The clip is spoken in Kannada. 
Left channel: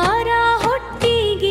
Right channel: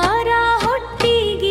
ಆಹಾರ ಹೊಟ್ಟಿಗೆ